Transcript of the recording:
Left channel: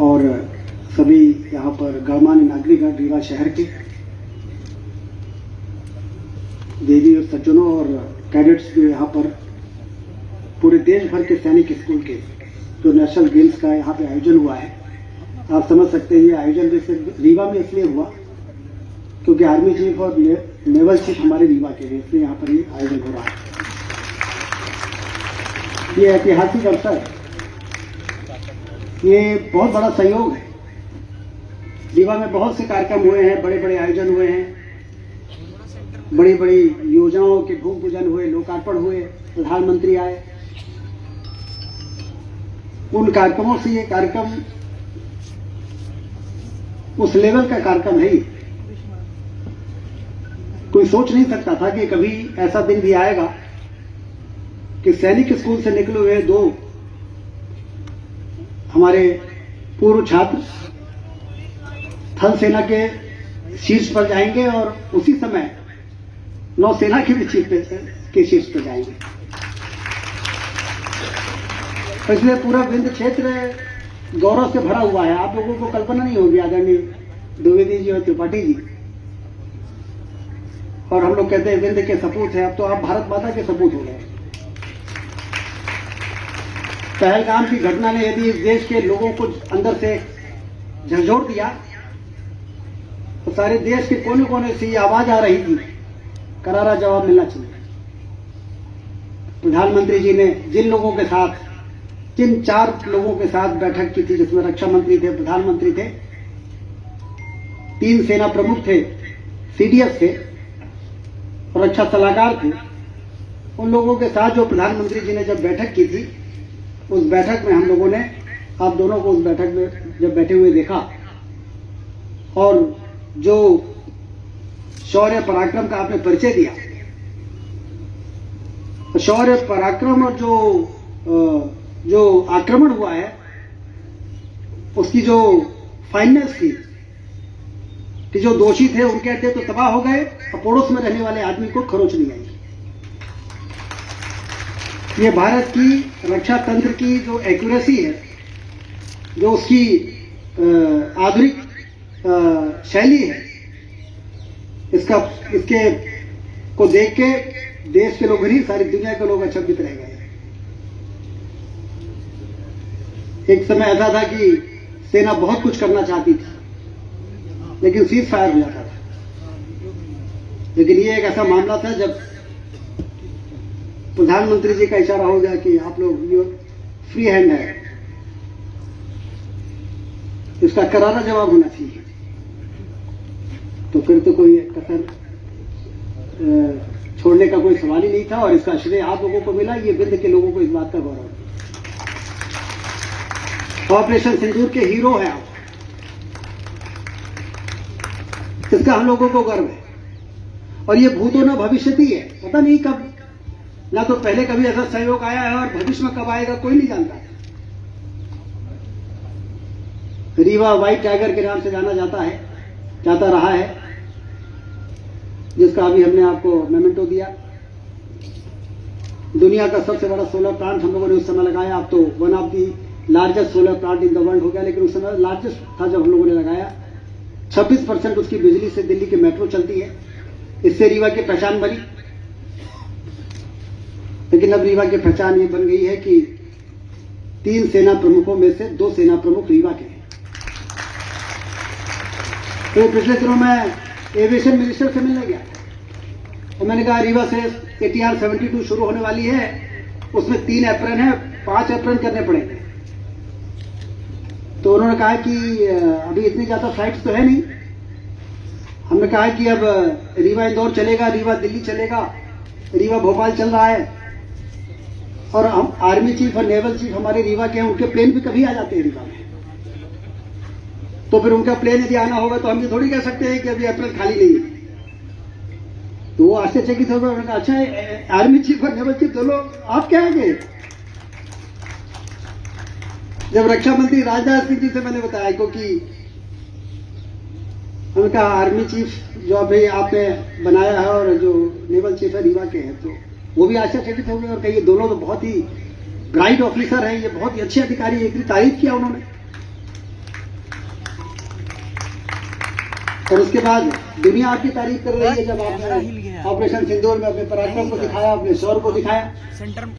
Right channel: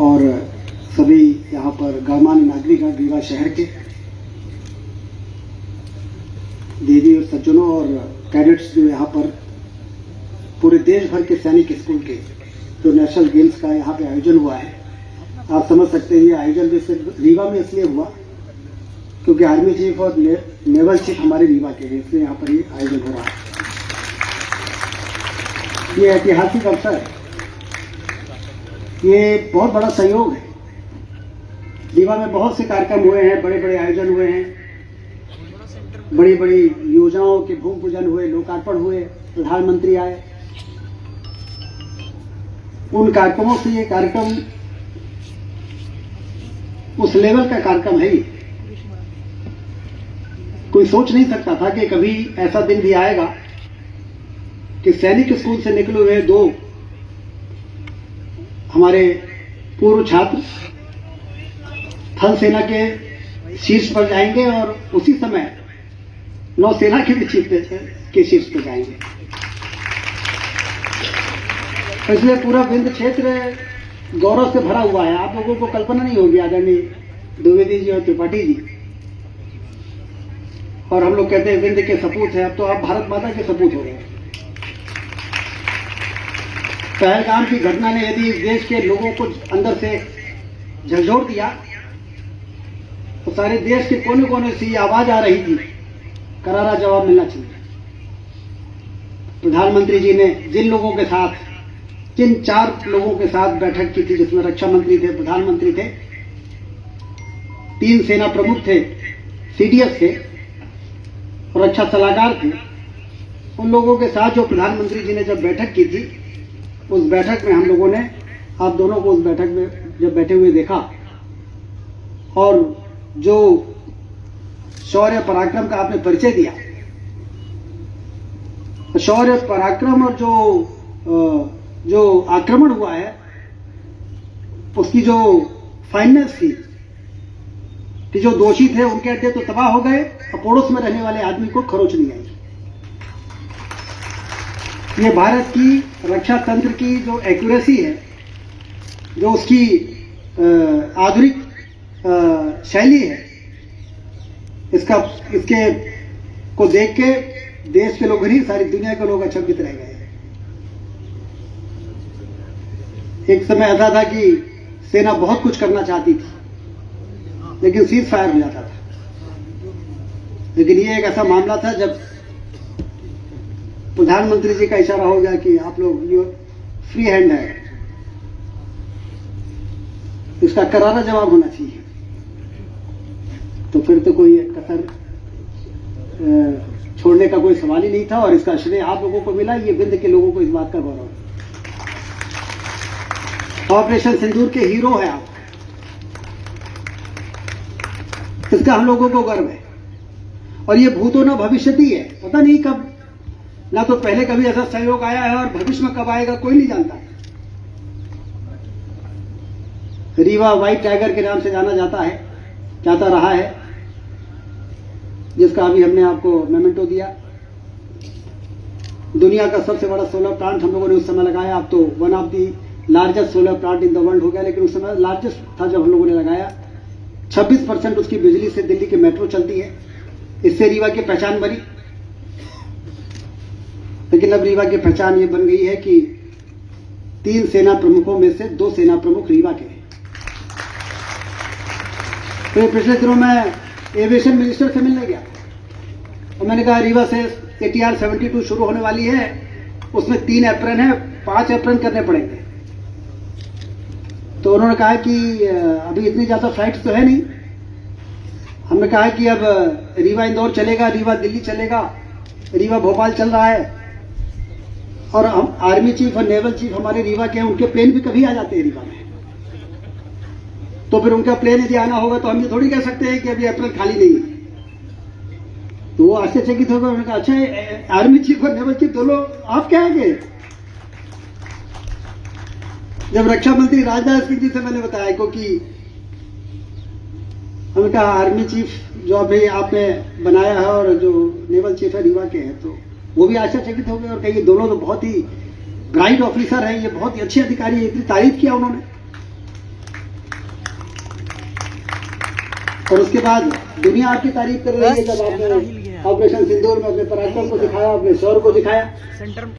और सभी यहाँ पर गणमान्य नागरिक रीवा शहर के दीदी और सज्जनों और कैडेट्स जो यहाँ पर पूरे देश भर के सैनिक स्कूल के जो नेशनल गेम्स का यहाँ पे आयोजन हुआ है, आप समझ सकते हैं ये आयोजन भी सिर्फ रीवा में इसलिए हुआ क्योंकि आर्मी चीफ और नेवल चीफ हमारे रीवा के हैं, इसलिए यहाँ पर ये आयोजन हो रहा है। ये ऐतिहासिक अवसर है, ये बहुत बड़ा सहयोग है। रीवा में बहुत से कार्यक्रम हुए हैं, बड़े बड़े आयोजन हुए हैं, बड़ी बड़ी योजनाओं के भूमि पूजन हुए, लोकार्पण हुए, प्रधानमंत्री आए। उन कार्यक्रमों से ये कार्यक्रम उस लेवल का कार्यक्रम है। कोई सोच नहीं सकता था कि कभी ऐसा दिन भी आएगा कि सैनिक स्कूल से निकले हुए दो हमारे पूर्व छात्र थल सेना के शीर्ष पर जाएंगे और उसी समय नौसेना के भी चीफ के शीर्ष पर जाएंगे। इसलिए पूरा विंध्य क्षेत्र गौरव से भरा हुआ है। आप लोगों को कल्पना नहीं होगी, आदरणीय द्विवेदी जी और त्रिपाठी जी, और हम लोग कहते हैं विंध्य के सपूत है, अब तो आप भारत माता के सपूत हो गए। पहलगाम की घटना ने यदि इस देश के लोगों को अंदर से झंझोड़ दिया तो सारे देश के कोने कोने से ये आवाज आ रही थी, करारा जवाब मिलना चाहिए। प्रधानमंत्री जी ने जिन लोगों के साथ, जिन 4 लोगों के साथ बैठक की थी, जिसमें रक्षा मंत्री थे, प्रधानमंत्री थे, 3 सेना प्रमुख थे, सीडीएस थे और रक्षा सलाहकार थे, उन लोगों के साथ जो प्रधानमंत्री जी ने जब बैठक की थी, उस बैठक में हम लोगों ने आप दोनों को उस बैठक में जब बैठे हुए देखा और जो शौर्य पराक्रम का आपने परिचय दिया, तो शौर्य पराक्रम और जो आक्रमण हुआ है उसकी जो फाइनेंस थी कि जो दोषी थे उनके अड्डे तो तबाह हो गए और पड़ोस में रहने वाले आदमी को खरोच नहीं आई। ये भारत की रक्षा तंत्र की जो एक्यूरेसी है, जो उसकी आधुनिक शैली है, इसके को देख के देश के लोग नहीं, सारी दुनिया के लोग अचंभित रह गए। एक समय ऐसा था कि सेना बहुत कुछ करना चाहती थी लेकिन सीज फायर नहीं आता था। लेकिन ये एक ऐसा मामला था जब प्रधानमंत्री जी का इशारा हो गया कि आप लोग ये फ्री हैंड है, उसका करारा जवाब होना चाहिए, तो फिर तो कोई कसर छोड़ने का कोई सवाल ही नहीं था। और इसका श्रेय आप लोगों को मिला, ये विंध्य के लोगों को इस बात का गौरव है। ऑपरेशन सिंदूर के हीरो है आप, इसका हम लोगों को गर्व है। और ये भूतो न भविष्यति है, पता नहीं कब, ना तो पहले कभी ऐसा सहयोग आया है और भविष्य में कब आएगा कोई नहीं जानता। रीवा व्हाइट टाइगर के नाम से जाता रहा है, जिसका अभी हमने आपको मेमेंटो दिया। दुनिया का सबसे बड़ा सोलर प्लांट हम लोगों ने उस समय लगाया। अब तो one of the largest solar plant in the world हो गया, लेकिन उस समय लार्जेस्ट था जब हम लोगों ने लगाया। 26% उसकी बिजली से दिल्ली की मेट्रो चलती है। इससे रीवा की पहचान बनी, लेकिन अब रीवा की पहचान ये बन गई है कि 3 सेना प्रमुखों में से 2 सेना प्रमुख रीवा के हैं। तो पिछले दिनों मैं एविएशन मिनिस्टर से मिलने गया और मैंने कहा रीवा से ATR 72 शुरू होने वाली है, उसमें 3 एप्रन है, 5 एप्रन करने पड़ेंगे। तो उन्होंने कहा कि अभी इतनी ज्यादा फ्लाइट तो है नहीं। हमने कहा कि अब रीवा इंदौर चलेगा, रीवा दिल्ली चलेगा, रीवा भोपाल चल रहा है, और आर्मी चीफ और नेवल चीफ हमारे रीवा के हैं, उनके प्लेन भी कभी आ जाते हैं रीवा में। तो फिर उनका प्लेन यदि आना होगा तो हम ये थोड़ी कह सकते हैं कि अभी अप्रैल खाली नहीं है। तो वो आश्चर्यचकित होगा। उन्होंने कहा अच्छा आर्मी चीफ और नेवल चीफ दोनों आप क्या आएंगे? जब रक्षा मंत्री राजनाथ सिंह जी से मैंने बताया, क्योंकि उनका आर्मी चीफ जो अभी आपने बनाया है और जो नेवल चीफ है रीवा के हैं, तो वो भी आश्चर्यचकित हो गए और कही दोनों तो बहुत ही ब्राइट ऑफिसर हैं, ये बहुत ही अच्छे अधिकारी हैं, इतनी तारीफ किया उन्होंने। और उसके बाद दुनिया आपकी तारीफ कर रही है जब आपने ऑपरेशन सिंदूर में अपने पराक्रम को दिखाया, अपने शौर्य को दिखाया।